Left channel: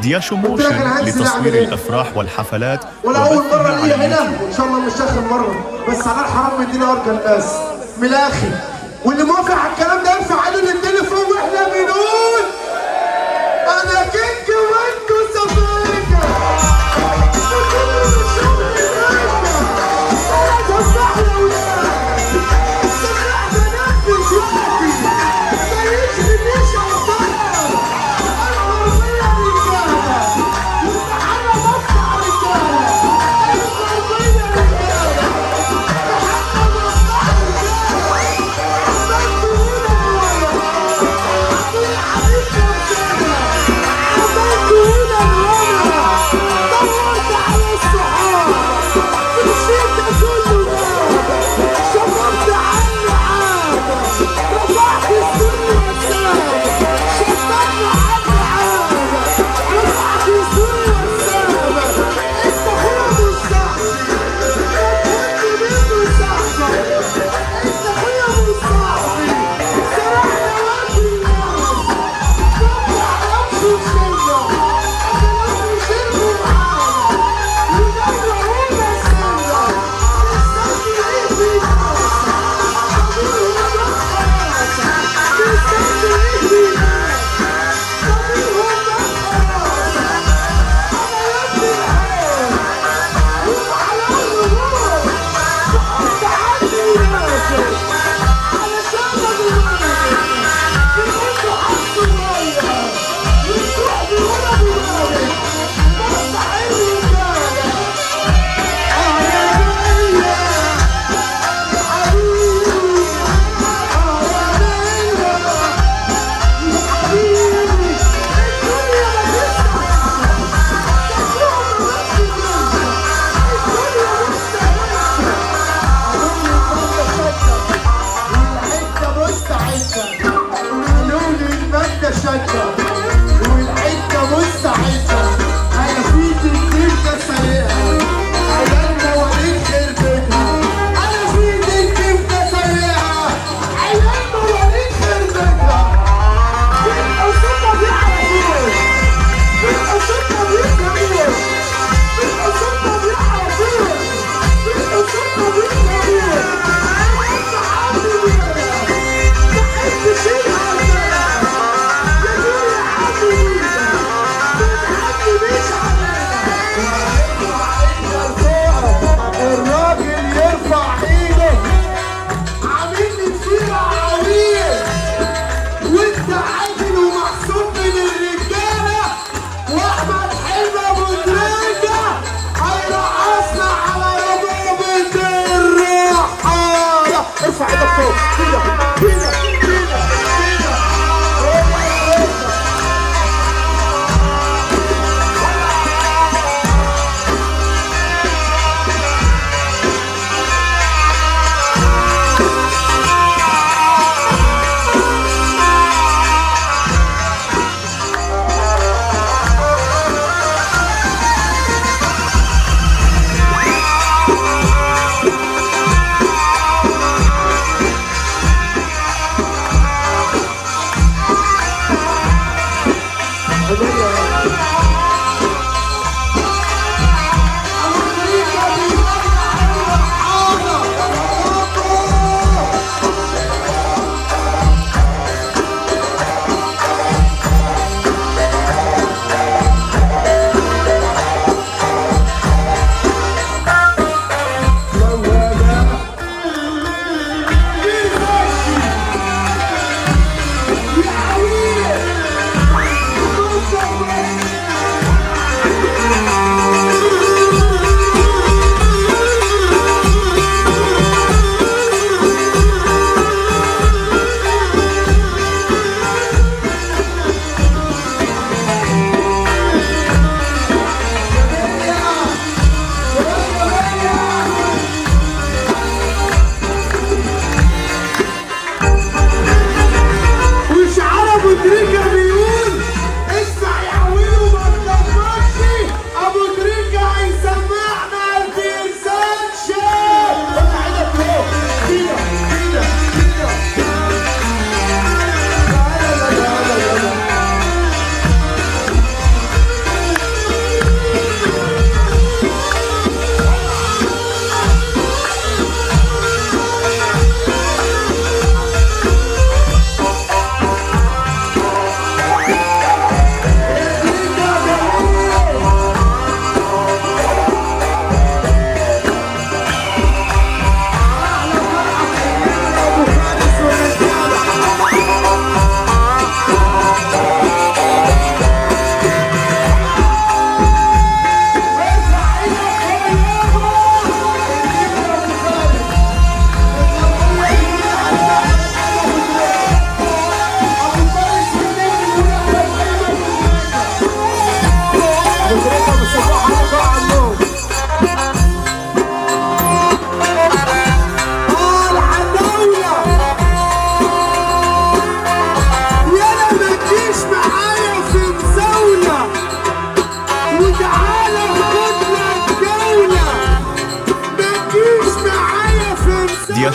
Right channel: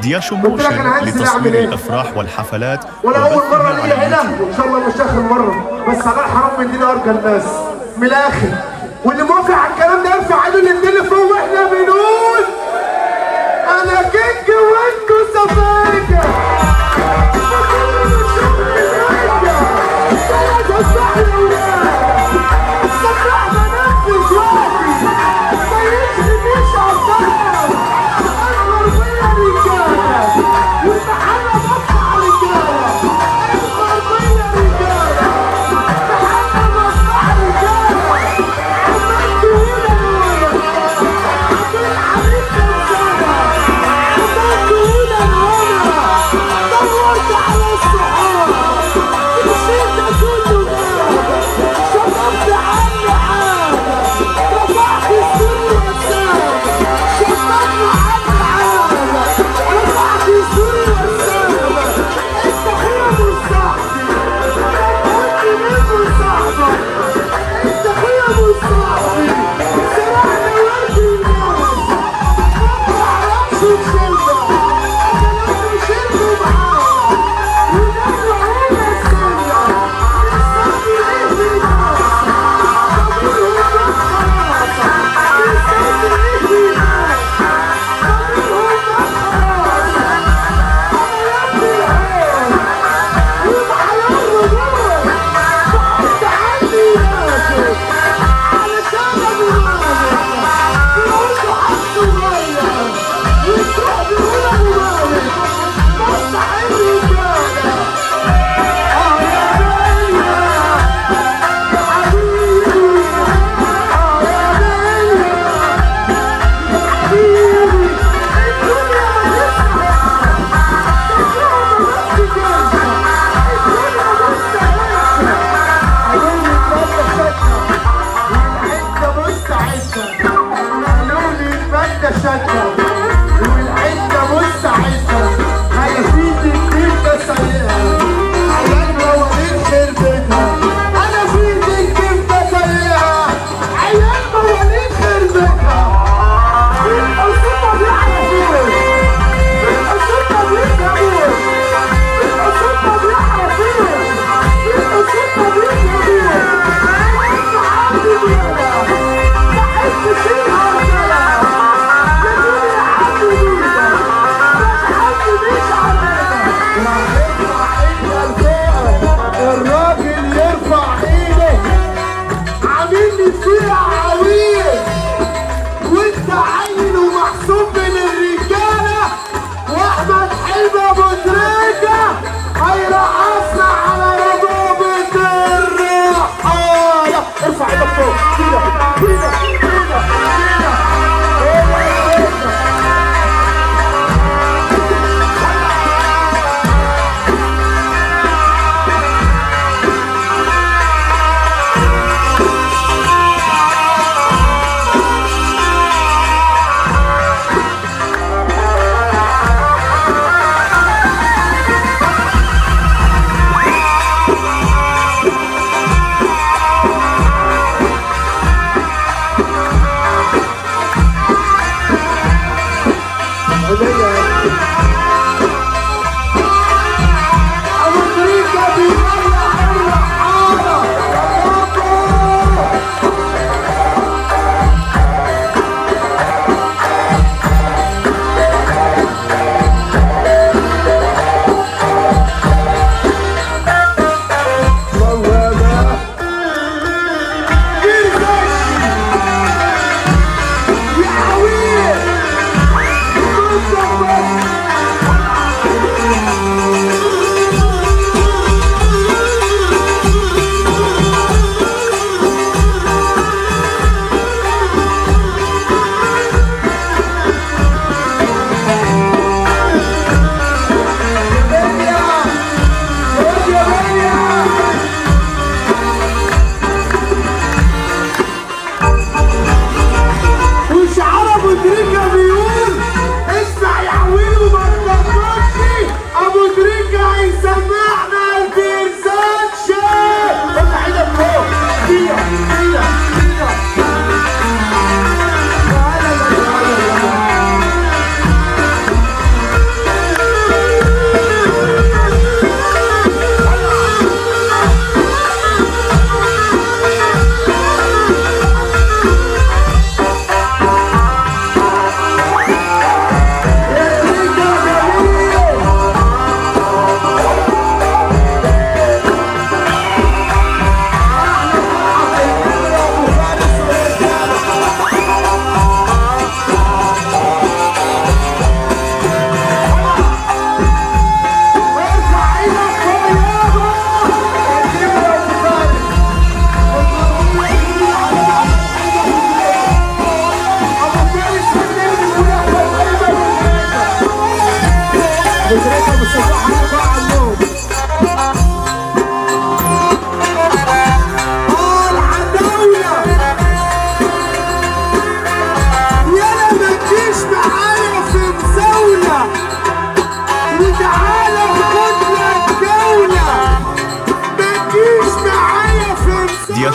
دياشو موشن لتصوير الأفراح والحفلات وبثها على اليوتيوب. إن شاء الله مش آخر مرة، بس على حرام يدينا أرجى الناس من الآخر، واللي موافق على الكلام ده يرفع ايده للدنيا فوق واحنا بنقول أنا كيك وأنتوا سفاجة.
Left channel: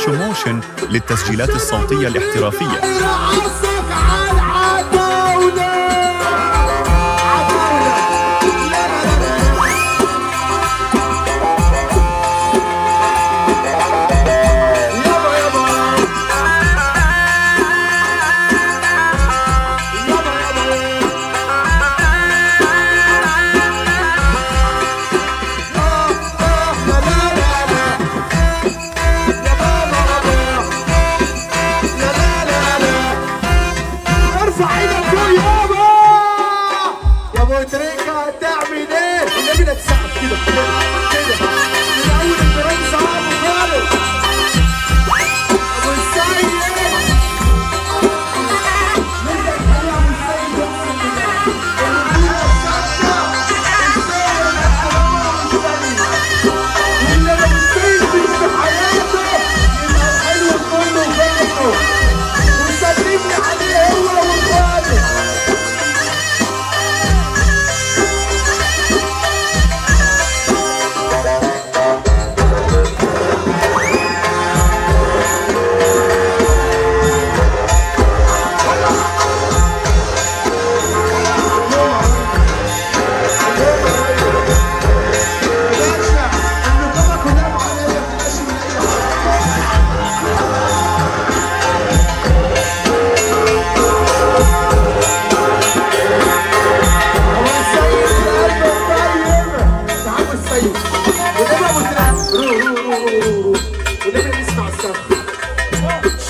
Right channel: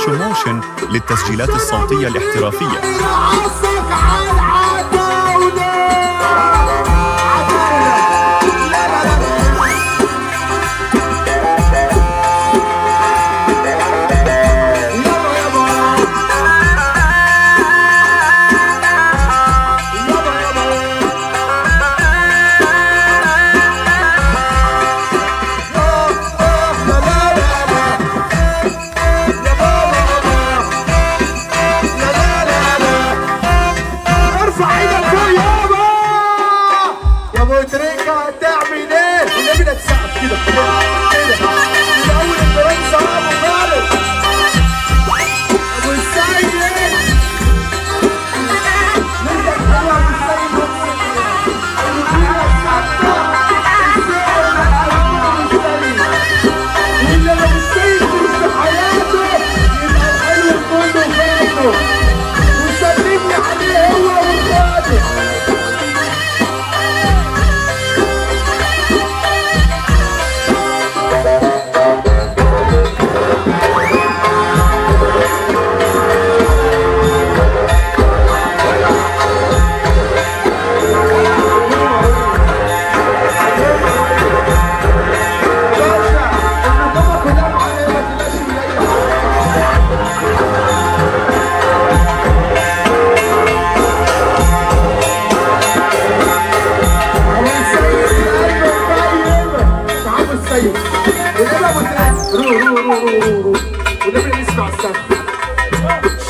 دياشو موشن للتسجيلات الصوتية الاحترافية.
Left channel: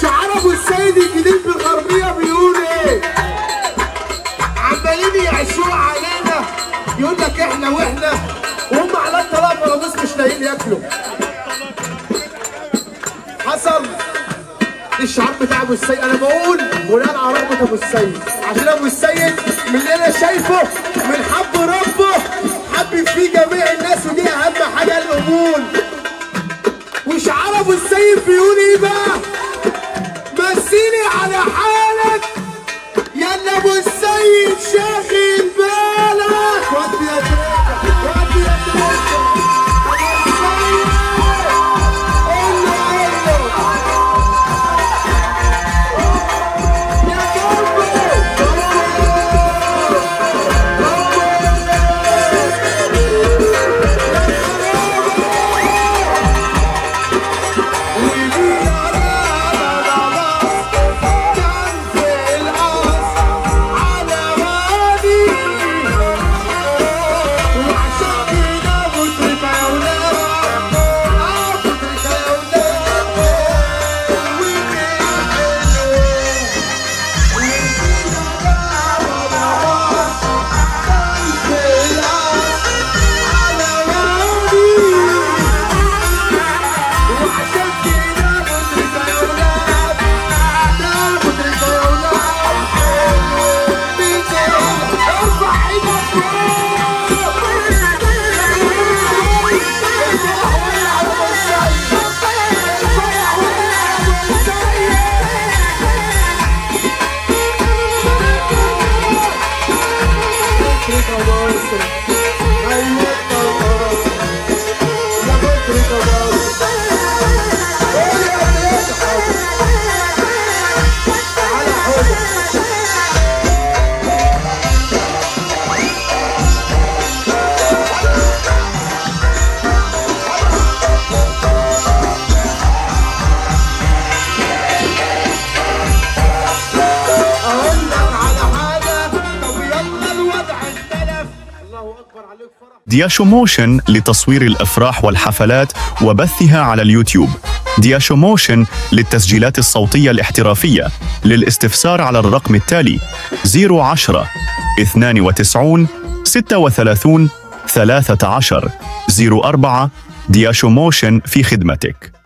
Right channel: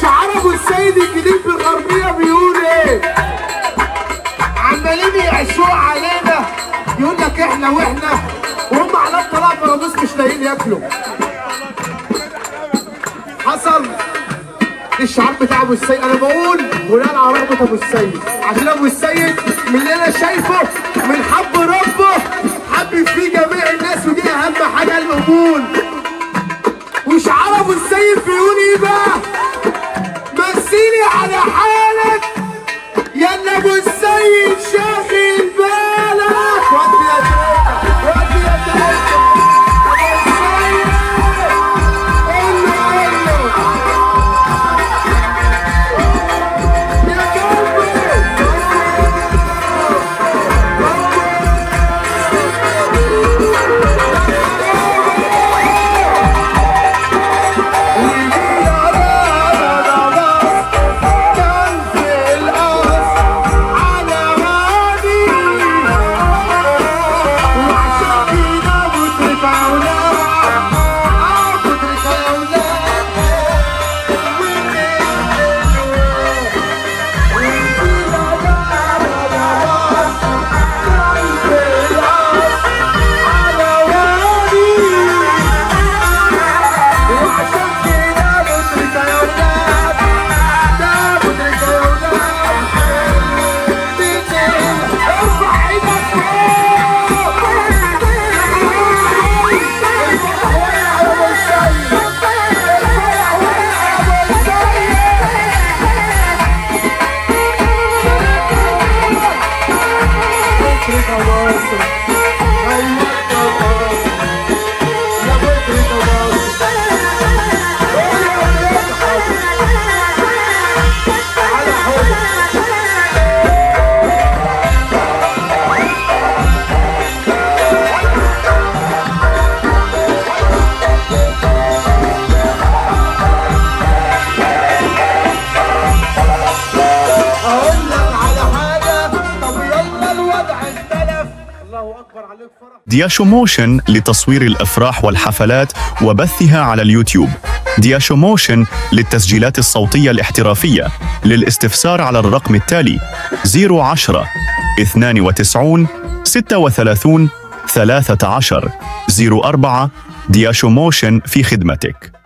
شعار ابو السيد الجديد في الغربيه بيقول ايه؟ عمالين يعشوا علينا، يقول لك احنا واحنا، وهم على الطلاق والناس مش لاقيين ياكلوا. حصل الشعار بتاع ابو السيد، انا بقول بناء على رغبه ابو السيد، عشان ابو السيد من اللي انا شايفه من حب ربه حب فيه جميع الناس، ودي اهم حاجه القبول. وشعار ابو السيد بيقول ايه بقى؟ مثلي على حالك يا اللي ابو السيد شاغل بالك. ودي يا ودي يا دياشو موشن لتصوير الأفراح والحفلات وبثها على اليوتيوب. دياشو موشن للتسجيلات الصوتية الاحترافية. للاستفسار على الرقم التالي 010 92 36 13 04. دياشو موشن في خدمتك.